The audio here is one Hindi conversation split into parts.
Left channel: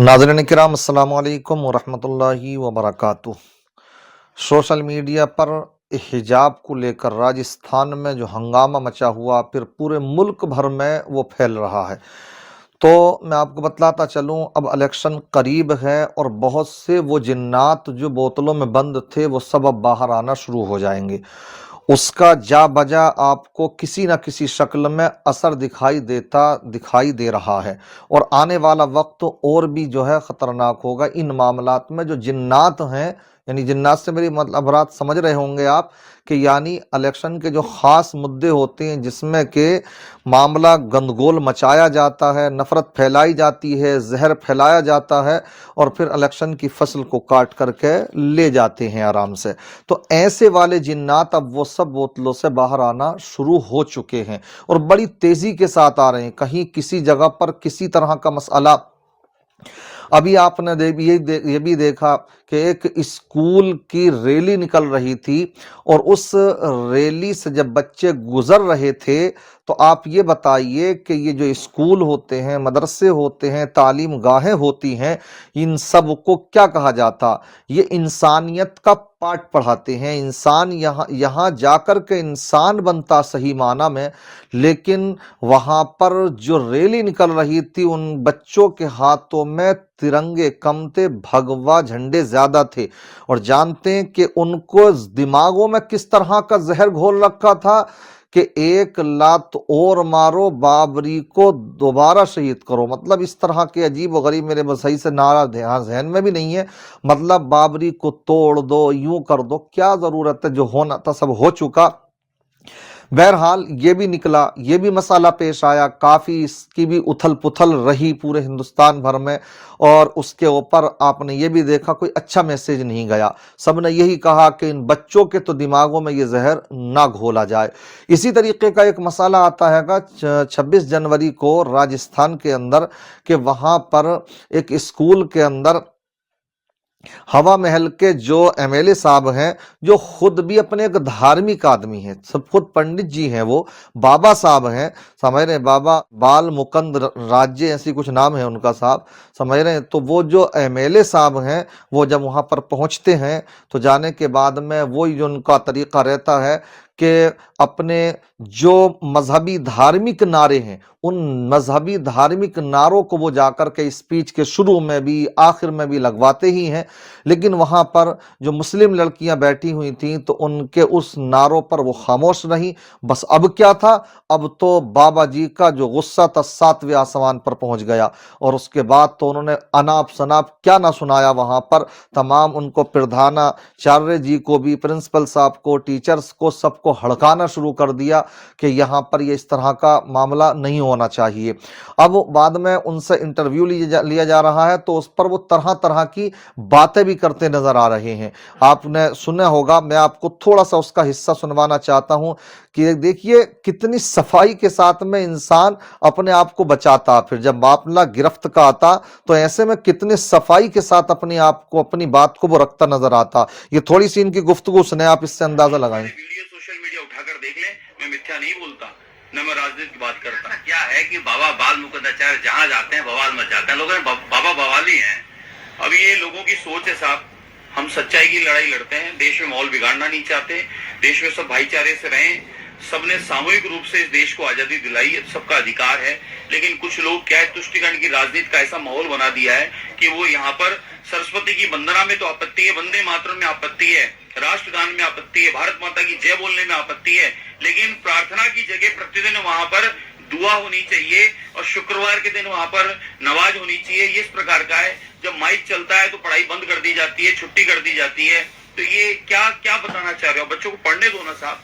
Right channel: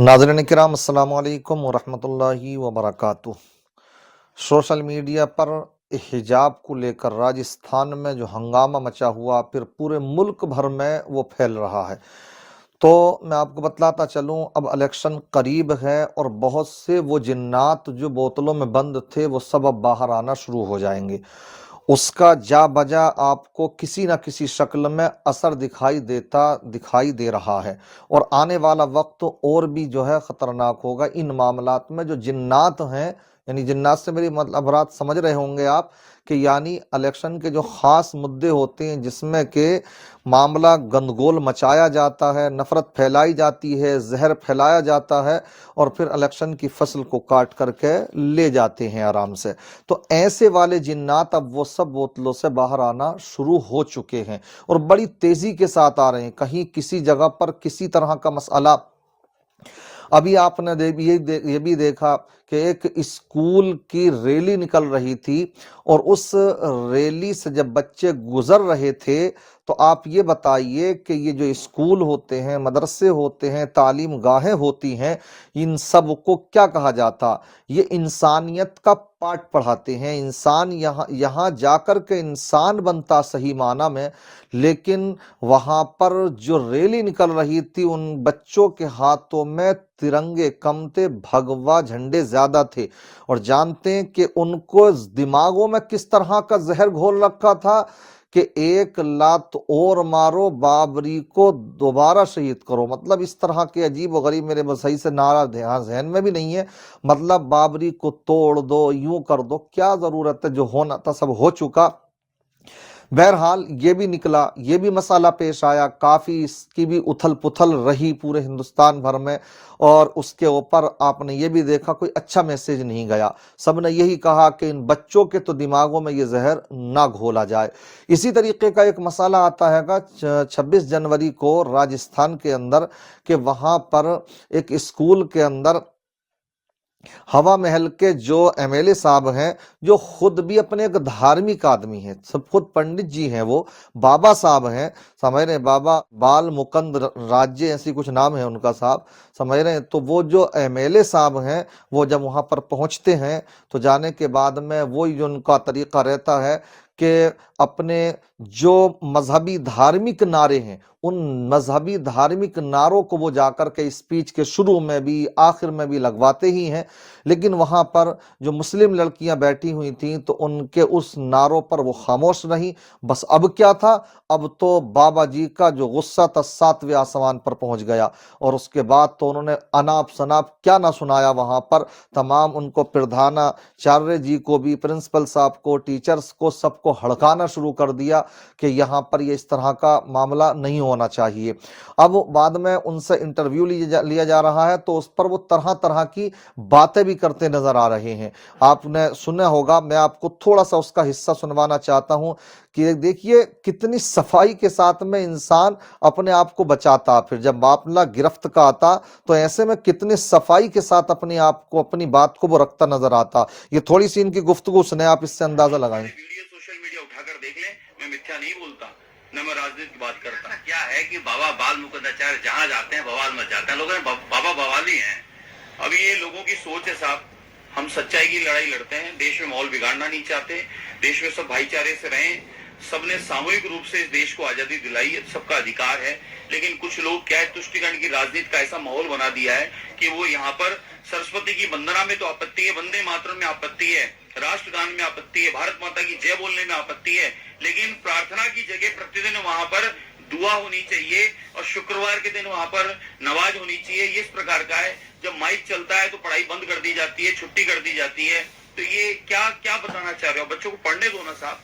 नाज़रीन किराम अस्सलाम वालेकुम वरहमतुल्लाहि वबरकातुह। सोशल मीडिया पर हिजाब को लेकर राजस्थान में जो हंगामा मचा हुआ फिर पूरे मुल्क भर में वो फैल रहा है। तो मैं आपको बतलाता चलूं, अब इलेक्शन करीब है और बहुत से वो जिन्नात जो बोतलों में बंद थे वो सब अब बाहर आना शुरू हो जाएंगे। उसका जा बजा आपको किसी न किसी शक्ल में असर दिखाई दे रहा है। और आने वाला वक्त और भी जो है खतरनाक होगा इन मामलात में। जो जिन्नात हैं, यानी जिन्नात से मेरी मतलब बात समझ रहे होंगे आप, कि यानी इलेक्शन के जो खास मुद्दे होते हैं जिसमें के मामला गंदगोल मचाया जाता है, नफरत फैलाई जाती है, जहर फैलाया जाता है और फिर इलेक्शन की फसल को काट करके ले जाते हैं आराम से। तो ऐसे वाले जिन्नात अब वो सब बोतलों से बाहर आना शुरू हो चुके हैं और बड़ी तेजी के साथ आ रहे हैं। कहीं किसी जगह पर किसी तरह का मसला, अभी आपने ये भी देखा कि एक स्कूल की रैली निकल रही थी और उस रैली से जब बच्चे गुजर रहे थे, तो आप ये बताइए कि ये जो स्कूल होते हैं, मदरसे होते हैं, तालीम गाहें होती हैं, इन सब को क्या कहा जाता? ये इंसानियत का पाठ पढ़ाते हैं। इंसान यहाँ यहाँ जाकर के इंसान बनता सही माना में, लेकिन वहां पर जो रैली निकल रही थी उन बच्चों के हाथों में तिरंगे कम थे, भगवा झंडे ज्यादा थे। और जानते हैं कि उनको दिमागों में किस तरह का जहर घोल रखा था कि एक लात और मारो, बाबरी को दोबारा शहीद करो। मतलब इस तरह के अजीब व गरीब, मेरे बस सही से नारा ध्यान जहन में भी नहीं है, मतलब बाबरी को तोड़ दो, यूं कर दो, क्या जरूरत है, जो होना था सब हो चुका। बहरहाल ये भी निकला, ये भी मसाला पेश आया, काफी इसकी भी उथल पुथल रही पूरे हिंदुस्तान भर में। और उसके ऊपर आपने ये भी देखा कोई अच्छा मैसेज नहीं गया। सबने यही कहा कि इन बच्चों के तो दिमागों में ये जहर ना घोला जाए। इसी तरीके का एक मसाला आता है 26 जनवरी को राजस्थान के अंदर, कि वहां पर एक स्कूल के अंदर हवा महल के जो एमएलए साहब हैं, जो खुद भी अपने एक धार्मिक आदमी हैं, सब खुद पंडित जी हैं, वो बाबा साहब हैं, समझ रहे हैं, बाबा बाल मुकंद राज्य ऐसी कुछ नाम है उनका साहब, समझ रहे हैं। तो वो जो एमएलए साहब हैं, वो जब वहां पर पहुंचते हैं तो जाने के बाद में वही जो उनका तरीका रहता है कि अपने जो मजहबी धार्मिक नारे हैं, उन मजहबी धार्मिक नारों को वो जाकर के स्पीच के शुरू में भी आखिर में भी लगवाते ही हैं। लेकिन वहां पर जो मुस्लिम लड़कियां बैठी हुई थीं तो उनके उस नारों पर वो खामोश रही। बस अब क्या था, अब तो बाबा जी का जो गुस्सा था 7वें आसमान पर पहुंच गया। और उसके बाद तो उन्होंने अनाप शनाप क्या ना सुनाया वहां पर। तमाम उनको प्रधानाचार्य जी को भी, प्रिंसिपल साहब को, टीचर्स को, सबको हड़काना शुरू कर दिया कि यहाँ पर ये इस तरह का मामला नहीं होना चाहिए। अब बाद में उनसे इंटरव्यू लिया जा रहा है तो उस पर वो तरह तरह की बातें भी करते नजर आ रहे हैं। आपने सुना होगा, मैं आपको थोड़ा सा उसका हिस्सा सुनवाना चाहता हूं कि देखिए कितनी सफाई के साथ में इंसान अपने आप को बचाता। फिर जब मामला गिरफ्त का आता तो ऐसे में कितने सफाई के साथ अपने आप को, अपनी बात को वो रखता नजर आता। ये थोड़ी सी इनकी गुफ्तगू सुने, आप इससे अंदाजा लगाएं। सोशल मीडिया उठाकर देख ले, मैं मिथ्या नहीं बोलता, न मैं राजनीति की बात करता। क्या है कि बाबा बाल मुकद्दराचार्य जहां जाते हैं बवाल मच जाता है, लोग बाबा बवाली हैं। अब ये लोगों की सोच है साहब। हम सच्चाई की लड़ाई लड़ते हैं, देश में माहौल बिगाड़ना नहीं चाहते, देश में सब भाईचारे से रहें। सबने सामूहिक रूप से इस देश को आजादी दिलाई, सबका अधिकार है। लेकिन कुछ लोग क्या है, तुष्टिकरण की राजनीति का ऐसा माहौल बना दिया है कि वो यहाँ पर सरस्वती की वंदना में तो आपत्ति है, वंदे मातरम में आपत्ति है, राष्ट्रगान में आपत्ति है, भारत माता की जय बोलने में आपत्ति है, लेकिन प्रार्थना की जगह प्रतिदिन वहां पर दुआ होनी चाहिए और शुक्रवार के दिन वहां पर नमाज होनी चाहिए। ये इस प्रकार का है। जब माइक चलता है तो पढ़ाई बंद कर दी जाती है, छुट्टी कर दी जाती है। तो ये क्या क्या बताना चाह रहे हो? बच्चों को पढ़ने दो ना साहब,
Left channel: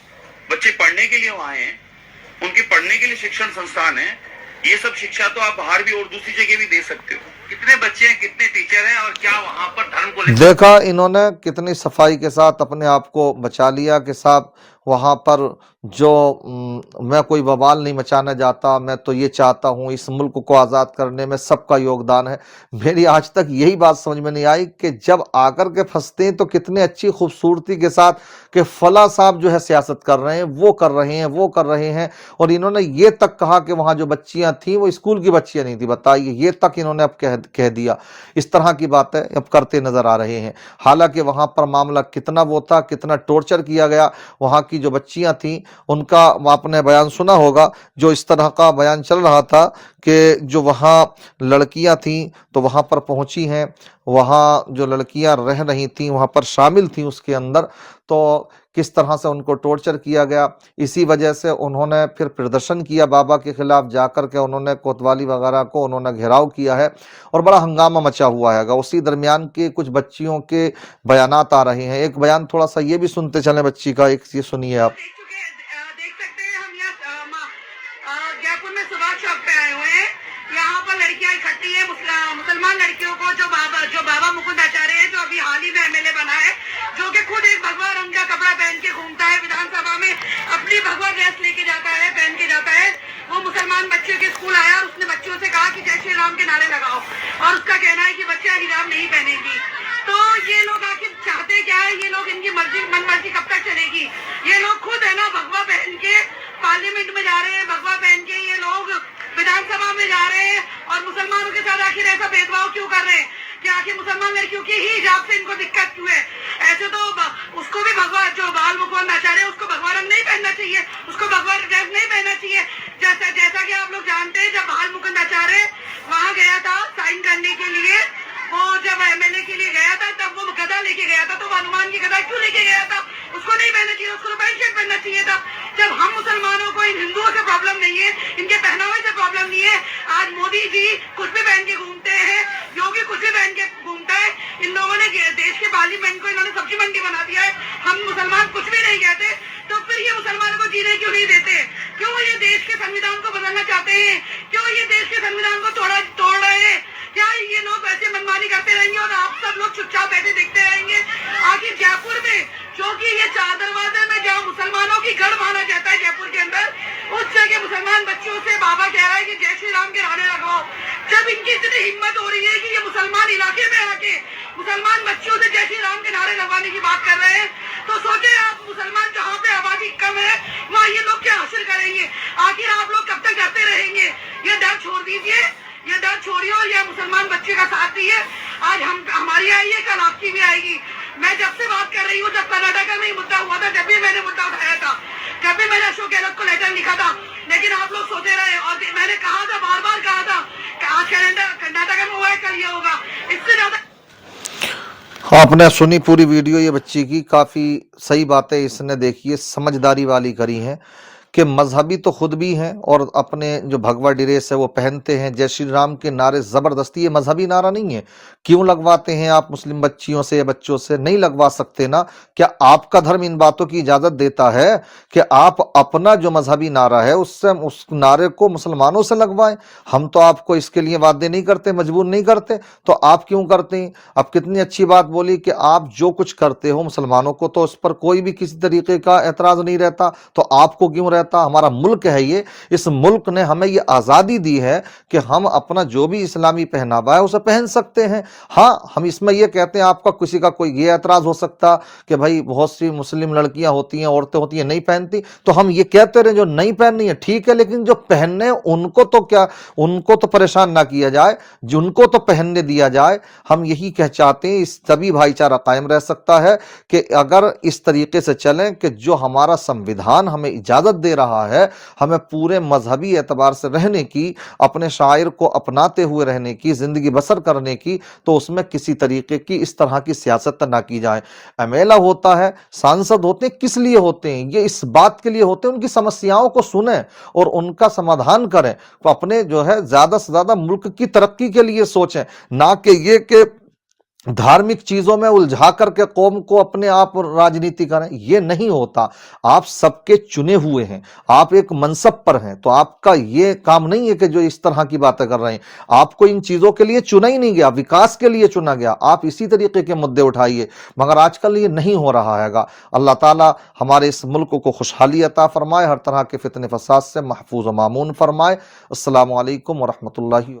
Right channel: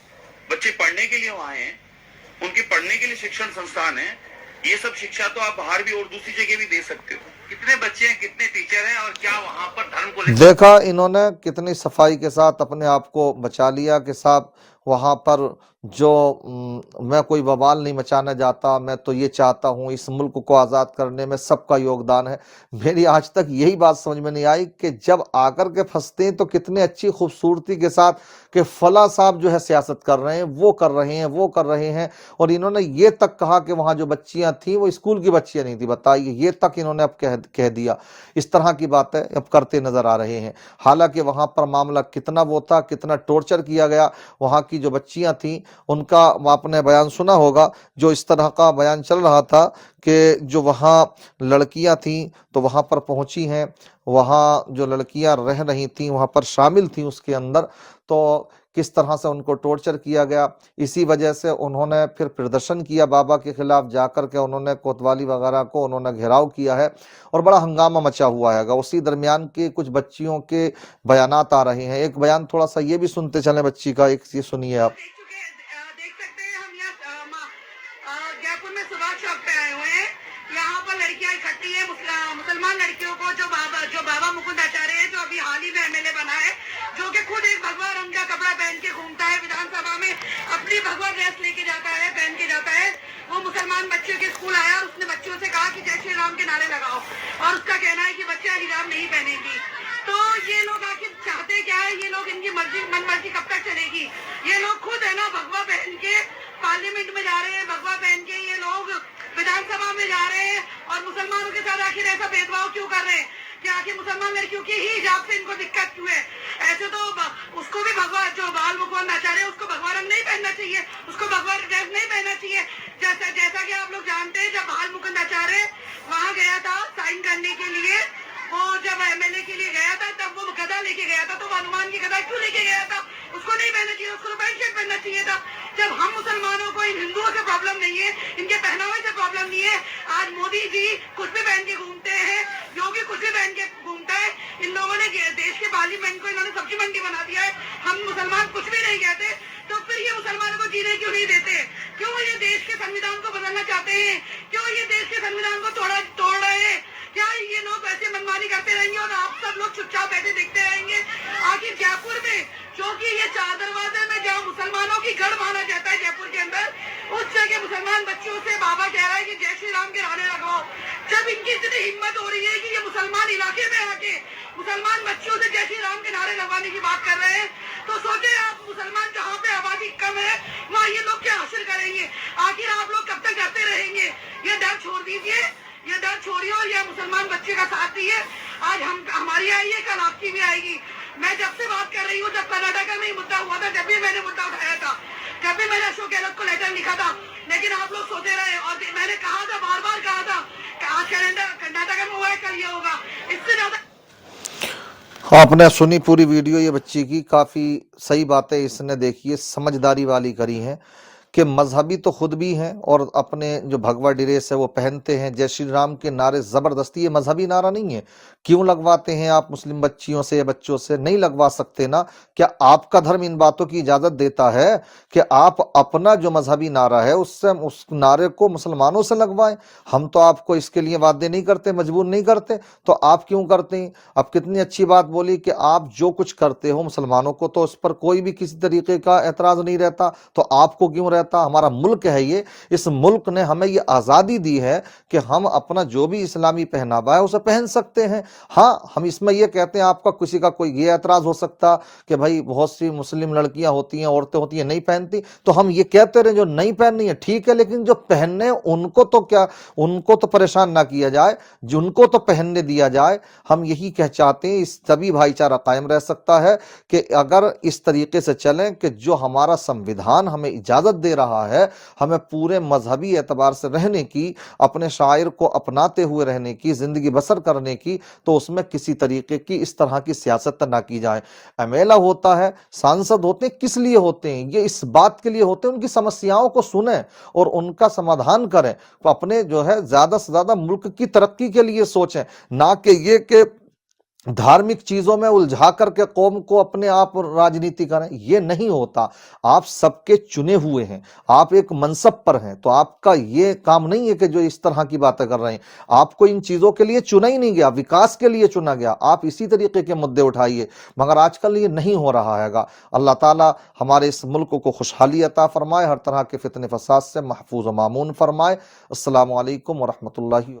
बच्चे पढ़ने के लिए वहां हैं, उनके पढ़ने के लिए शिक्षण संस्थान है। ये सब शिक्षा तो आप बाहर भी और दूसरी जगह भी दे सकते हो। कितने बच्चे हैं, कितने टीचर हैं, और क्या वहां पर धर्म को लेकर देखा इन्होंने कितनी सफाई के साथ अपने आप को बचा लिया कि साहब वहां पर जो मैं कोई बवाल नहीं मचाना चाहता, मैं तो ये चाहता हूँ इस मुल्क को आज़ाद करने में सबका योगदान है। मेरी आज तक यही बात समझ में नहीं आई कि जब आकर के फंसते हैं तो कितने अच्छी खूबसूरती के साथ कि फला साहब जो है सियासत कर रहे हैं, वो कर रहे हैं, वो कर रहे हैं, और इन्होंने ये तक कहा कि वहाँ जो बच्चियाँ थीं वो स्कूल की बच्चियाँ नहीं थी। बताइए, ये तक इन्होंने अब कह दिया। इस तरह की बातें अब करते नजर आ रहे हैं। हालांकि वहाँ पर मामला कितना वो था, कितना टॉर्चर किया गया, वहाँ की जो बच्चियाँ थीं उनका आपने बयान सुना होगा, जो इस तरह का बयान चल रहा था कि जो वहाँ लड़कियां थीं तो वहाँ पर पहुंची हैं, वहाँ जो लड़कियां रह रही थीं वहाँ पर शामिल थीं उसके अंदर, तो किस तरह से उनको टॉर्चर किया गया। इसी वजह से उन्होंने फिर प्रदर्शन किया बाबा के खिलाफ, जाकर के उन्होंने कोतवाली वगैरह को उन्होंने घेराव किया है और बड़ा हंगामा मचा हुआ है। उसी दरमियान के कुछ बच्चियों के बयानात आ रहे हैं। एक बयान थोड़ा सा ये भी सुनते चलें बच्ची का, एक ये सुनिए आप। देख सकते हैं हम जयपुर में सुभाष चौक पे आए हुए हैं। यहाँ पर लड़कियां इकट्ठी है, मुसलमान लड़कियों को जो बाबा मुकुंद आचार्य है, जो अभी हाल ही में एमएलए बना है, जो कि खुद एक भगवा रंग का कपड़ा पहन के घूमता है विधानसभा में, अपनी भगवा ड्रेस लेके जाता है, पहन के जाता है। वो मुसलमान बच्चे के स्कूल आया और उसने बच्चों से कहा कि जय श्री राम के नारे लगाओ, और उसका कहना है कि बच्चे हिजाब नहीं पहनेगी। तो ये लोग आखिर चाहते क्या है? ये लोग, इनकी मर्जी मन मर्जी कब तक चलेगी? ये लोग खुद है ना भगवा पहन के पार्लियामेंट में जा रहे हैं, भगवा पहन के ये लोग विधानसभा में जा रहे हैं, और मुसलमानों के साथ आखिर ऐसा भेदभाव क्यों कर रहे हैं? कि आखिर मुसलमान लड़कियों की ही हिजाब से इनको दिक्कत क्यों है? ऐसे तो उसको भी भगवा, जो बाल मुकुंद आचार्य है, उसको भगवा रंग नहीं पहनना चाहिए, उसको भगवा ड्रेस नहीं पहनना चाहिए। जैसा कि आप लोग जानते हैं, जब बाल मुकुंद आचार्य वहाँ गया था साइन करने के लिए, वो जब एमएलए के लिए गया था, तब वो गदा लेके गया था, तो हनुमान की गदा क्यों लेके गया था? उसको नहीं पहनना चाहिए, उसको पैंट शर्ट पहनना चाहिए था। जब हम मुसलमानों को इन हिंदुओं से प्रॉब्लम नहीं है, इनके पहनावे से प्रॉब्लम नहीं है, आज मोदी जी कुछ भी पहन के घूमते हैं, योगी कुछ भी पहन के घूमता है, इन लोगों ने देश के पार्लियामेंट को इन्होंने सब्जी मंडी बना दिया है, हम मुसलमान कुछ भी नहीं कहते, तो फिर ये मुसलमानों को जीने क्यों नहीं देते? क्यों ये देश के संविधान को बदलना चाहते हैं? क्यों ये देश के संविधान को तोड़ रहे हैं? क्या ये लोग ऐसे मनमानी करते रहेंगे और आप सब लोग चुपचाप बैठे देखते रहेंगे? आखिर जयपुर में, जो कि ये चार दरवाजे में जहाँ मुसलमानों की गढ़ माना जाता है जयपुर के अंदर, उस जगह मुसलमान बच्चों से बाबा कह रहा है कि जय श्री राम के नारे लगाओ। जब इनकी इतनी हिम्मत हो रही है कि ये मुसलमान इलाके में आके मुसलमान बच्चों से जय श्री राम के नारे लगवाने की बात कर रहे हैं, तो सोचे आप, मुसलमान जहाँ पे आबादी कम है वहाँ ये लोग क्या हासिल करेंगे? आखिर आप लोग कब तक डरते रहेंगे? ये डर छोड़ दीजिए, ये डर छोड़िए और ये मुसलमान बच्चे का साथ दिए। आज हमारी आई है, कल आपकी भी आएगी। मैं जब से बात कर रही हूँ, जब कर्नाटक में मुद्दा हुआ था, जब भी मैंने मुद्दा उठाया था, जब भी मैंने अशोक गहलोत को लेटर लिखा था, लेकिन आप लोग सोते रहे, और मैंने कहा था, बार बार कहा था कि आज कर्नाटक में हुआ है, कल ये होगा। इससे ज्यादा आपने सुनी पूरी वीडियो ये बच्ची की, काफी सही बातें इसने देखिए समझदारी वाली करी हैं कि मजहबी तो खुद भी हैं और अपने जो भगवा ड्रेस है वो पहनते हैं। जय श्री राम के नारे जबरदस्ती, ये मजहबी नारा नहीं है। क्यों लगवाते हैं आप मुस्लिम बच्चियों से या बच्चों से? नहीं लगवा सकते ना। क्या आपका धर्म इन बातों की इजाजत देता है कि आप अपना जो मजहबी नारा है उससे, उस नारे को मुसलमानों से लगवाएं? हम तो आपको इसके लिए वादे नहीं करते, मजबूर नहीं करते, तो आप क्यों करते हैं? अब कितनी अच्छी बात बोली कि आप जो कुछ करते हो मुसलमानों को तो उस पर कोई भी किसी तरीके का एतराज नहीं रहता, तो आपको क्यों रहता? हमारा मुल्क है ये, इस मुल्क ने हमें ये आजादी दी है कि हम अपना जो भी इस्लामी पहनावा है उसे पहन सकते हैं। हाँ, हम इसमें ये कहते हैं, आपका किसी का कोई ये एतराज हो सकता कि भाई बहुत सी मुस्लिम लड़कियां होती हैं, औरतें होती हैं, नहीं पहनती, तो हम ये कहते रहे जो नहीं पहननी है ठीक है, लेकिन जो पहनने उनको तो क्या, उनको तो परेशान ना किया जाए, जिनको तो पहनने दिया जाए। हम यही कह चाहते हैं, इस तभी भाईचारा कायम रह सकता है कि अगर इस तरीके से चलें कि जो हमारा संविधान हमें इजाजत दे रहा है, हमें पूरे मजहबी एतबार से रहने की, अपने शायर को अपनाते हुए रहने की, जिंदगी बसर करने की, तो उसमें किसी तरीके की इस तरह की सियासत ना की जाए। एमएलए होता है, सांसद होते हैं, किस लिए होते हैं? ये इस बात के लिए होते हैं उनकी समस्याओं को सुने और उनका समाधान करें, तो अपने जो है ज्यादा से ज्यादा मुल्क की तरक्की के लिए सोचें, ना कि ये कि धार्मिक चीजों में उलझा करके कौम को अपने आप राजनीति करें, ये नहीं होता। आप सबके चुने हुए हैं, आप एक मनसब पर हैं, तो आपका ये काम नहीं है कि जो इस तरह की बातें कर रहे हैं। आपको इन चीजों के लिए चुना ही नहीं गया, विकास के लिए चुना गया। आप इसी तरीके के मुद्दे उठाइए, मगर आजकल ये नहीं हो रहा हैगा। अल्लाह ताला हमारे इस मुल्क को खुशहाली अता फरमाए, हर तरह के फितने फसाद से महफूज व मामून फरमाए। अस्सलामु अलैकुम व रहमतुल्लाहि